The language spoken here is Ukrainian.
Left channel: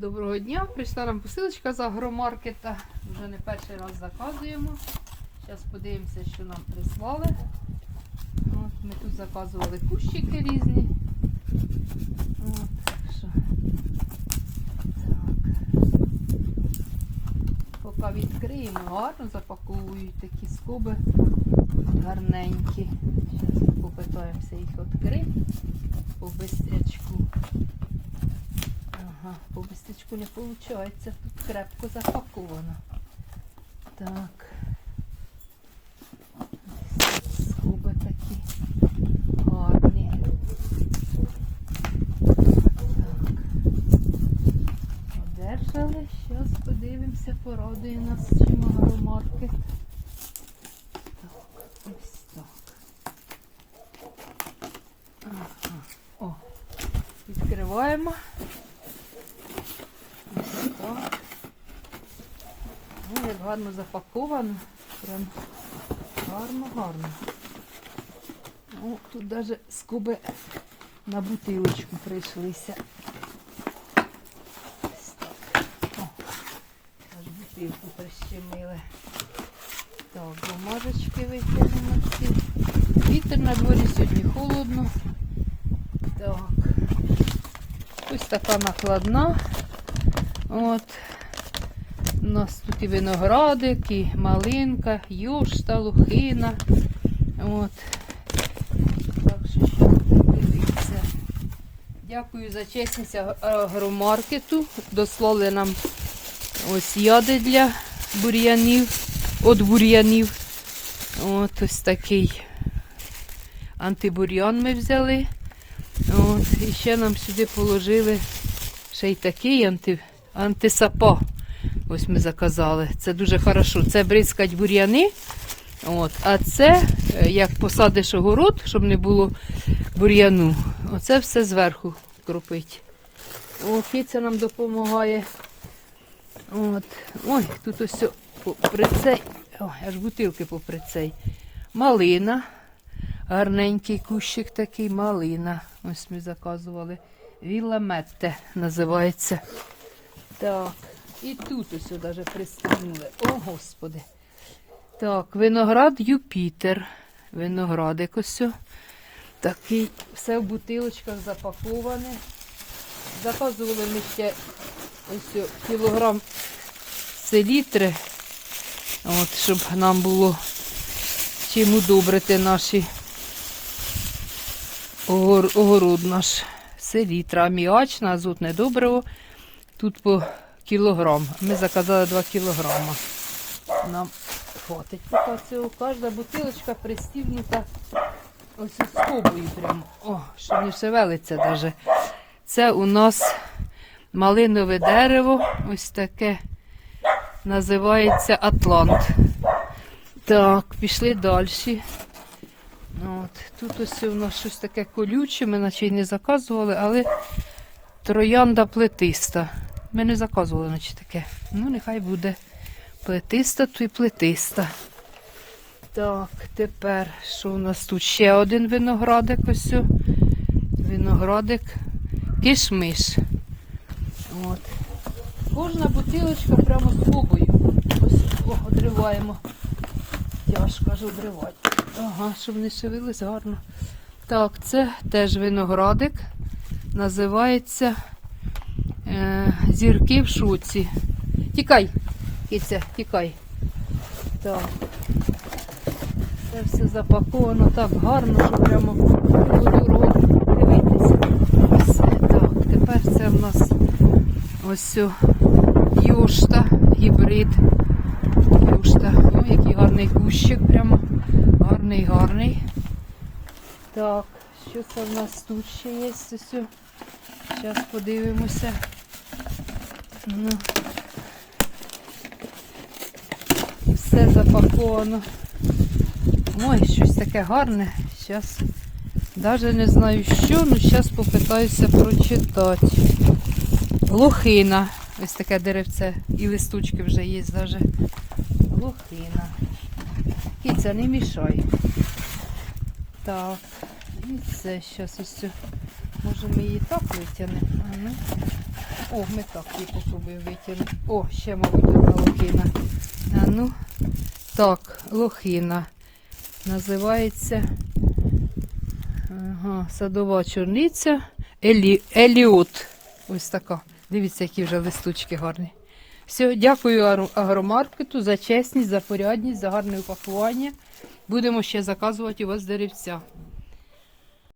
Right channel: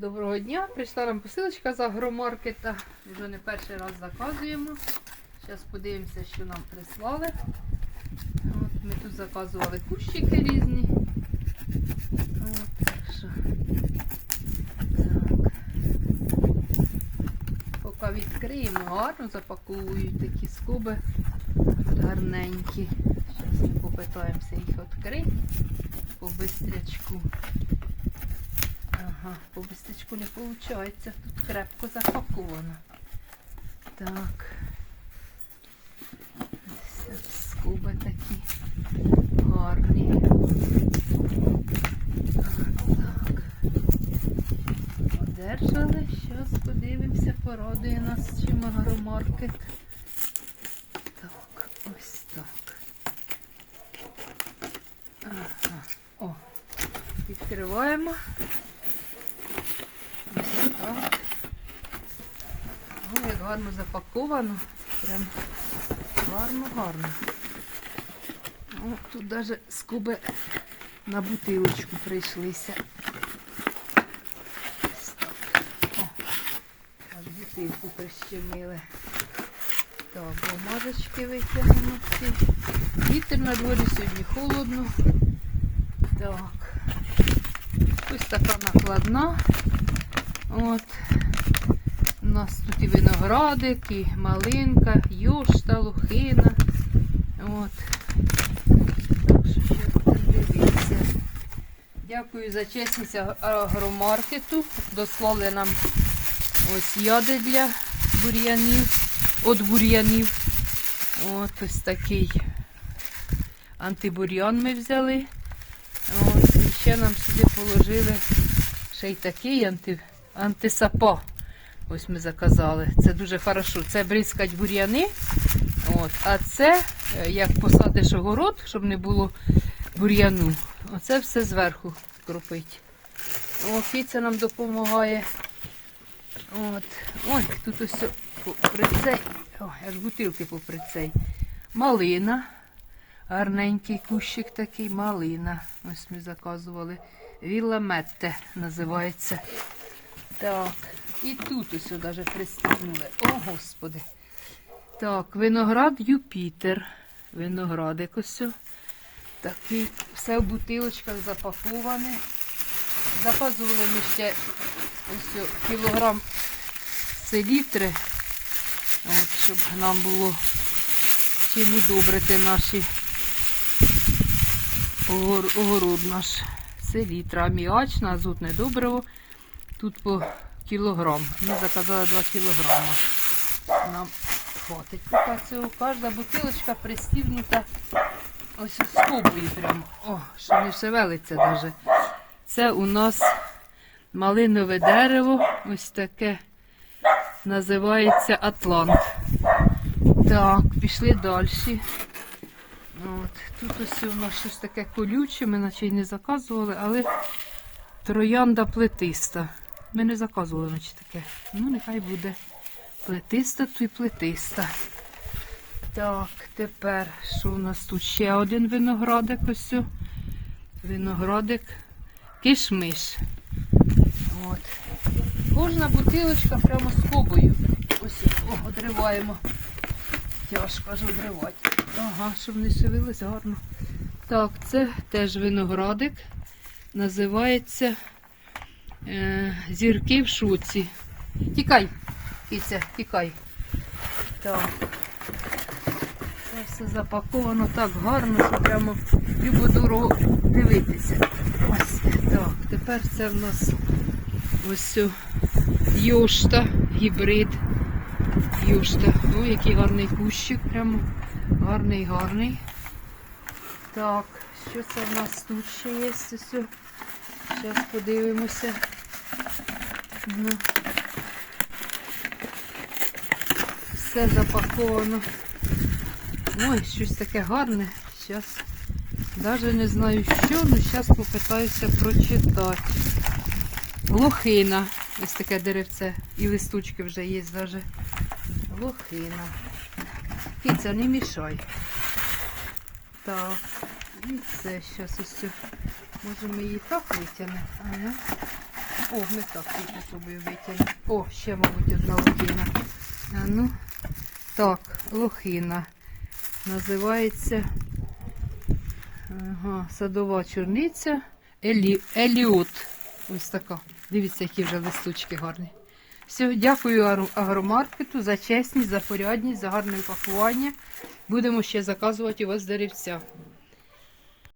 Доброго дня! Прийшла нам посилочка з агромаркета. Вже не перший раз заказуємо. Зараз подивимося, що нам прислали. От, ми тут заказували кущики різні. От, так. Поки відкриємо, гарно запаковують такі скоби гарненькі. Зараз попитаємося їх відкрити по бистрячку. Ага, по бистрячку не виходить. Тут крепко запаковано. Так. Скуби такі гарні. Так. Одержали. Зараз подивимося, порадує нас чим агромаркет. Так, ось так. О, відкриваємо. Ось так. Ну, як гарно запаковано. Прям гарно, гарно. О, тут навіть скоби на бутилочку прийшлися. О, бутилку прищемили. Так, бумажечки витягнемо всі. Вітер на дворі сьогодні холодно. Так. Ось така накладна. От. Нас тут і виноградик, і малинка, юшта, лухина. От. Дякую за чесність агромаркету. Дослали нам ось яди для бур'янів, от бур'янів. От ось такий антибур'ян ми взяли. От, і ще нам сюди положили ще й такий анти, антисапо. Ось ми заказали. Це дуже хорошо. Це бризкать бур'яни. От, а це, е, як посадиш огород, щоб не було бур'яну, оце все зверху кропить. О, киця нам допомагає. От. Ой, тут ось попри цей. Ой, аж бутилки попри цей. Малина. Гарненький кущик такий, малина. Ось ми заказували. Вілла Метте називається. Так, і тут ось навіть пристигнули. О, Господи. Так, виноград Юпітер. Виноградик ось. Такий, все в бутилочках запаковане. Заказували ми ще ось кілограм селітри, от, щоб нам було чим удобрити наші огород наш. Селітра, аміачна, азотне добриво. Тут по кілограм. Ми заказали 2 кілограми. Нам хватить поки цього. Кожна бутилочка пристібнута ось скобою прямо. О, що не шевелиться навіть. Це у нас малинове дерево. Ось таке називається Атлант. Так, пішли далі. От, тут ось у нас щось таке колюче, ми наче й не заказували, але троянда плетиста. Ми не заказували, наче таке. Ну, нехай буде плетиста, то й плетиста. Так, тепер що у нас тут? Ще один виноградик ось. Виноградик. Кишмиш. От. Кожна бутилочка прямо з кобою. Ось одриваємо. Тяжко аж обривати. Ага, щоб не шевелилось гарно. Так, це теж виноградик. Називається зірки в шуці. Тікай, киця, тікай. Так. Це все запаковано так гарно, що прямо любо дорого дивитися. Тепер це в нас ось йошта, гібрид. Юшта. Ой, який гарний кущик, прямо гарний, гарний. Так, що це в нас тут ще є? Зараз подивимося. Ну. Все запаковано. Ой, щось таке гарне. Зараз навіть не знаю що, але зараз попитаюся прочитати. Лохина. Ось таке деревце. І листочки вже є навіть. Лохина. Киця, не мішай. Так. І це зараз ось. Може ми її так витягнемо. О, не так квіточку би витягнути. О, ще, мабуть, одна лохина. А ну, так, лохина. Називається ага, садова чорниця. Елі, Еліот. Ось така. Дивіться, які вже листочки гарні. Все, дякую агромаркету за чесність, за порядність, за гарне упакування. Будемо ще заказувати у вас деревця.